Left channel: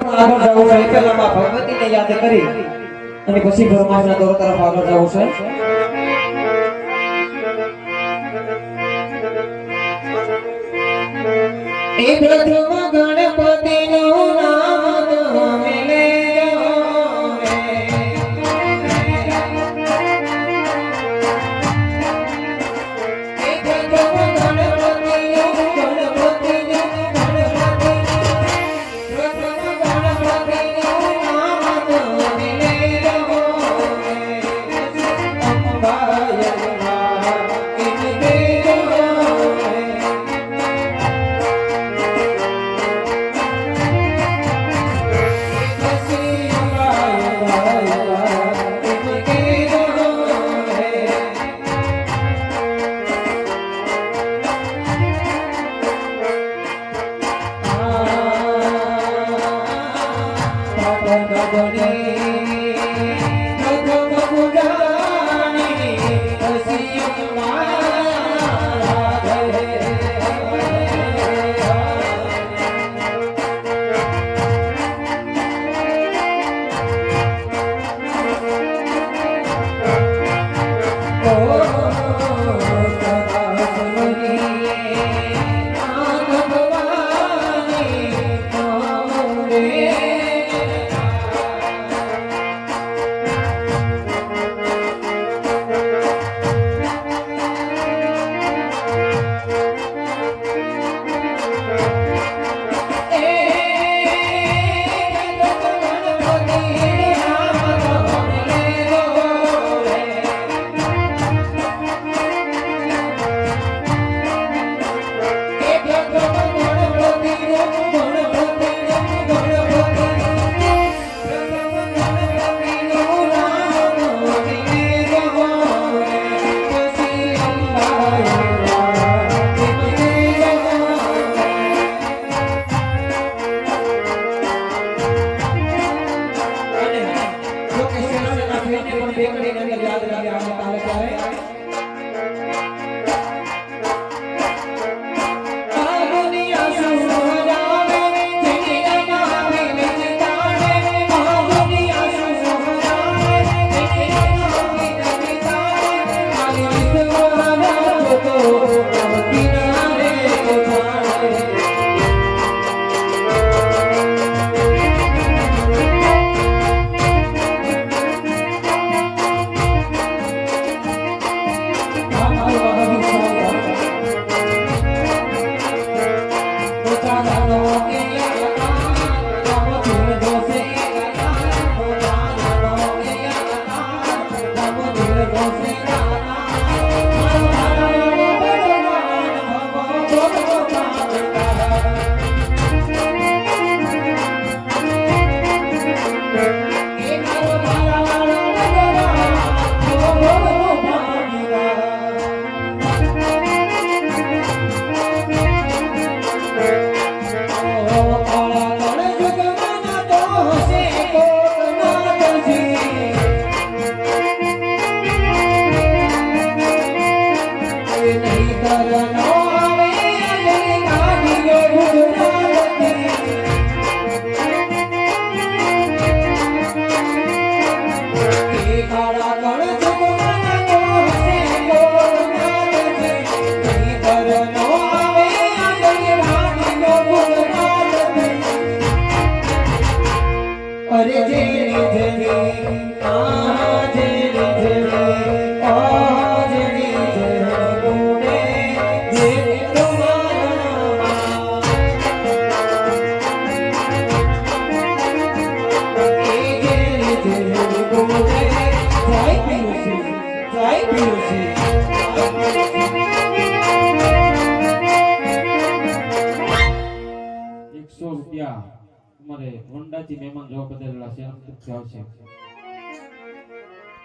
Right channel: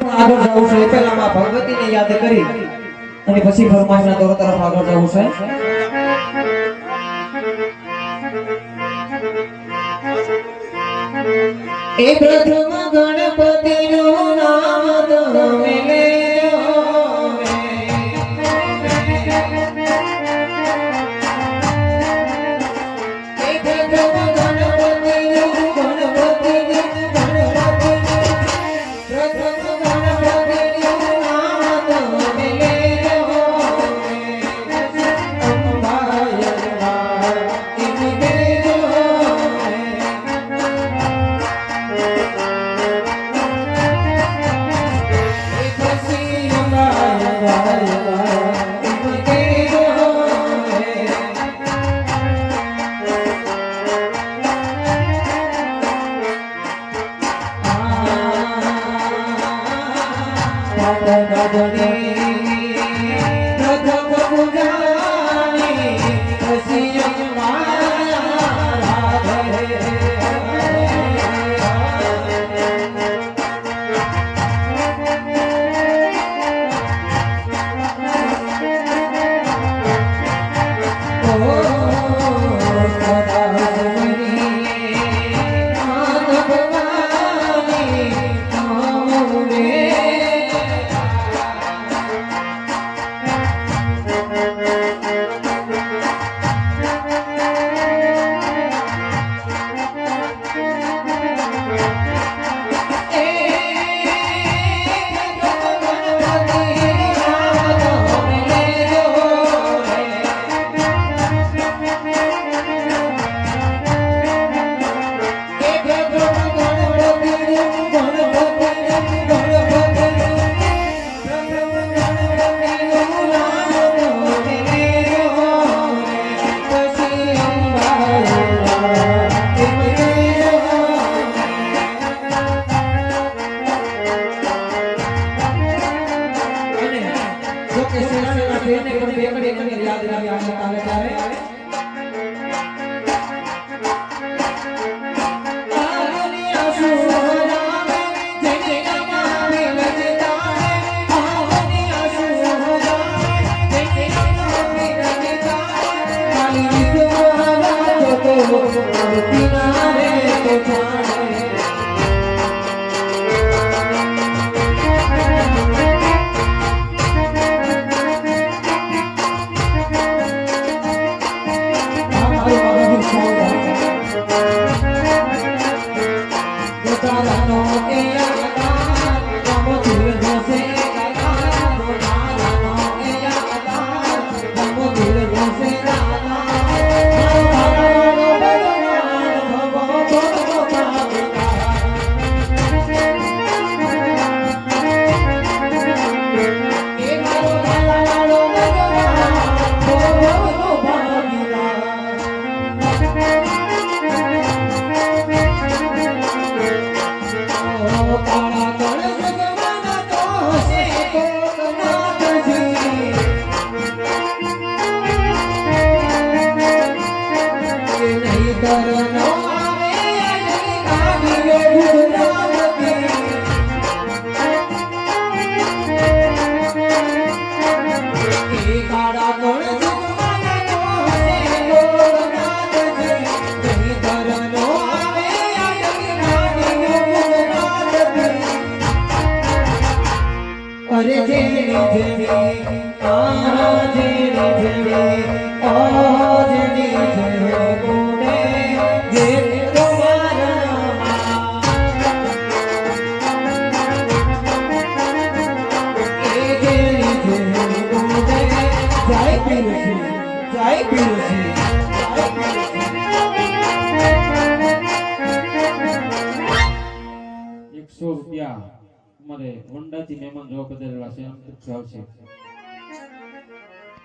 આગળ જવું છે પહેલા માં ભગવતીને યાદ કરી અને પછી ફરમાઈશના દોર તરફ આગળ જવું છે. એ પ્રથમ ગણપતિનું નામ તમે લેજો એ પ્રથમ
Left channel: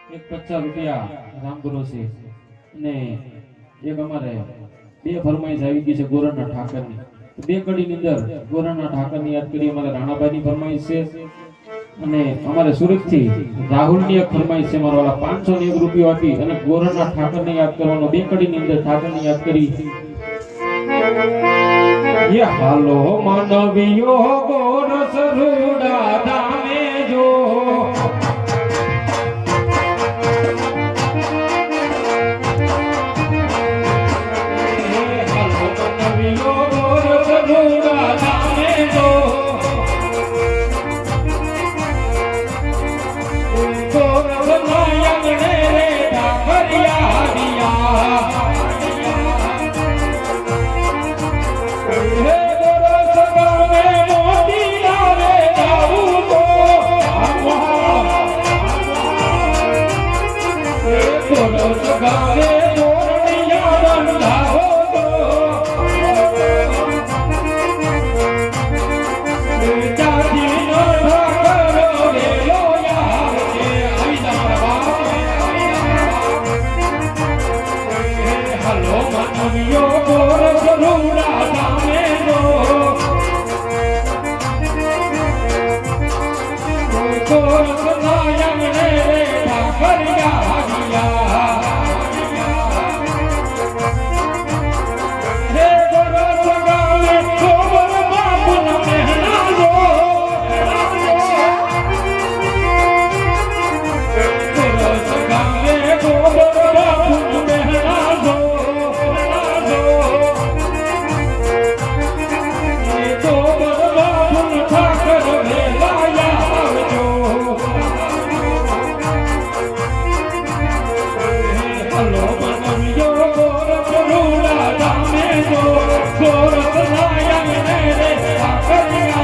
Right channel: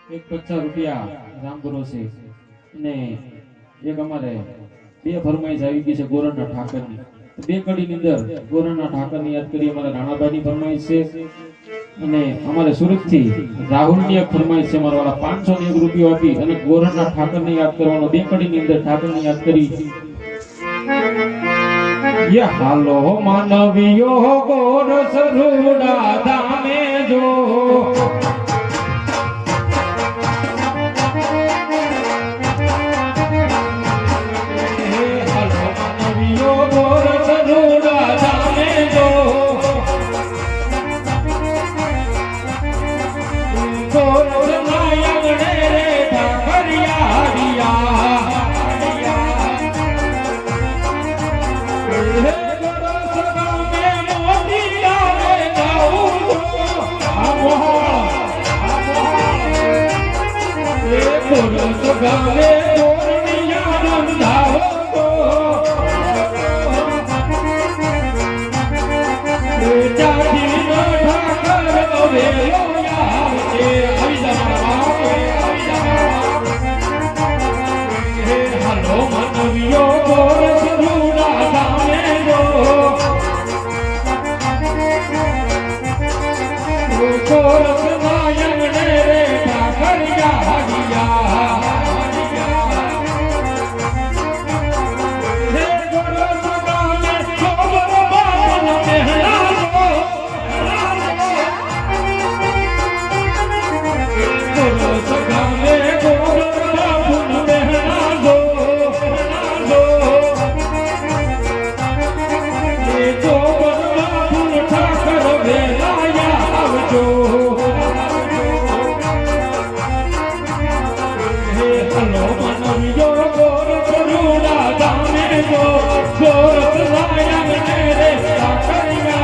₹50 રામગુરુ છે અને એક અમારે બે ફરમાઈશ આવી ગઈ છે ગોરણના ઠાકરની. બે કડીની અંદર ગોરણના ઠાકરની યાદ કરી અમારા રાણાભાઈની ફરમાઈશ છે અને અમારે સુરતથી રાહુલની એક ફરમાઈશ છે. મારા વાળા ₹501 આપી અને ગોરણના ઠાકરને યાદ કરવાનો. બે કડીની અંદર ઠાકરને યાદ કરી ये हालो मानवियो गोरस रूड़ा धामे जो हालो मानवियो गोरस रूड़ा धामे जो गोरस नायक रे ठाकरिया दिया हे गोरस गावे मोती लावे जाऊं तो हे गोरस गावे गोरनिया बन जाओ तो हे जाति नो ठाकर वेलो यार के आई जा हे हलो मानवियो गोरस रूड़ा धामे जो गोरस नायक रे ठाकरिया दिया हे गोरस गावे गोबर बापन मेहरा जो गोरस गावे गोबर बापन मेहरा जो गोबर बापन ठाकर वेलाया आवजो हलो मानवियो गोरस रूड़ा धामे जो गोरस नायक रे ठाकरिया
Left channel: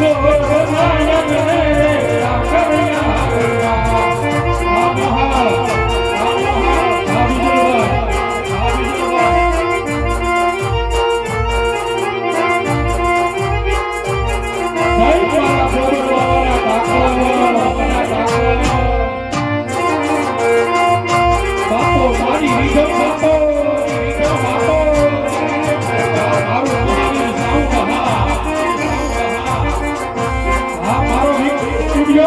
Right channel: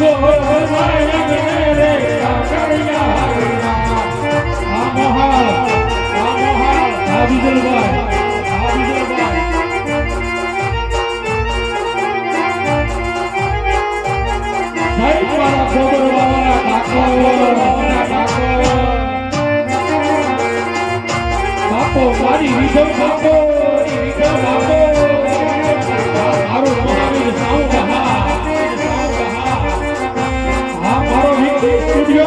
गोरस नायक रे ठाकरिया आदि जोगा भाई मारा छोड़ो वाला ठाकोर बापो मारी विधो बापो मारो महावीर साउंड हा मारो स्टूडियो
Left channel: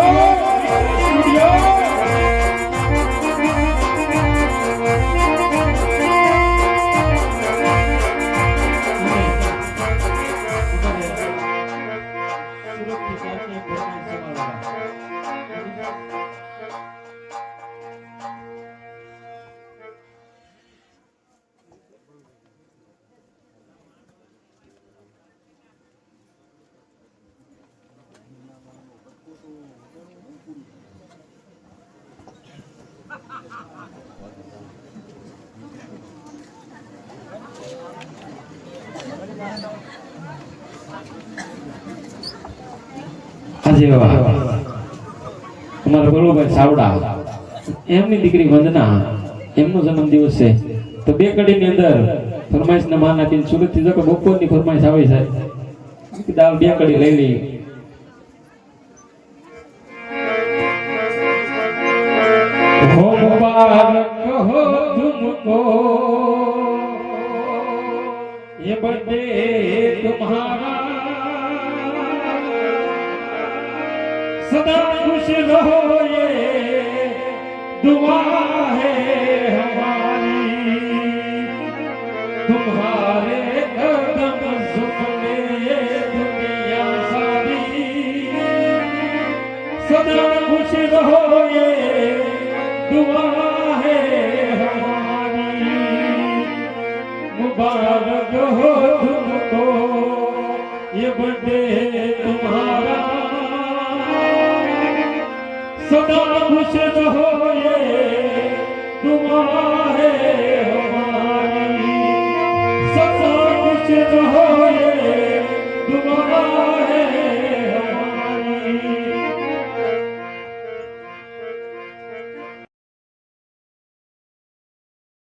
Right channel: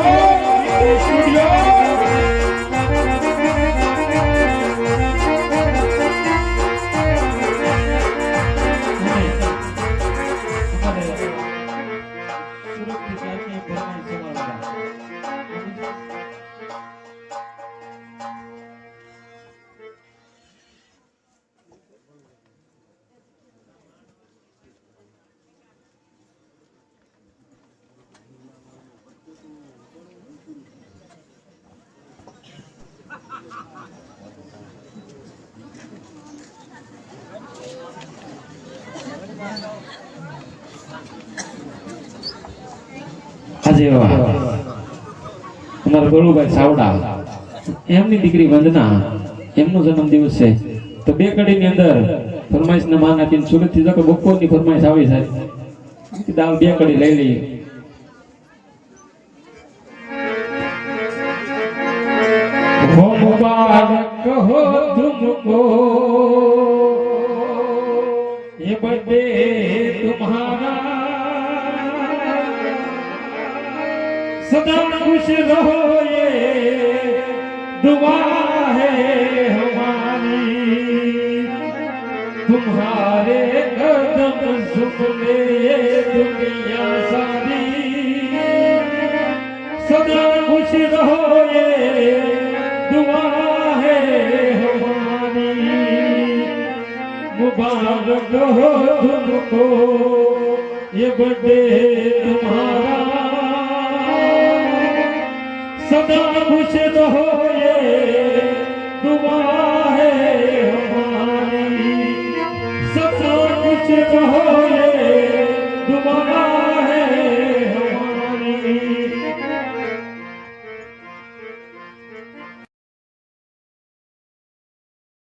આજે અમારા ગોળુભાઈ સાવડા એમની દીકરી વંદના એમનો જન્મદિવસ છે તો બે કડીની અંદર ફરમાઈશના માન આપીને સુરતથી જો કે બપોરની ફરમાઈશ આવી છે દાલ બે કડી લઈ લઈએ हो मुबारक हो तुमको ये बर्थडे तुम्हारा सदा खुश रहो ये दुआ है हमारी तुम्हारे कदम सुख ले दुनिया सारी सदा खुश रहो ये दुआ है हमारी मुबारक हो तुमको ये बर्थडे तुम्हारा सदा खुश रहो ये दुआ है हमारी सदा खुश रहो ये दुआ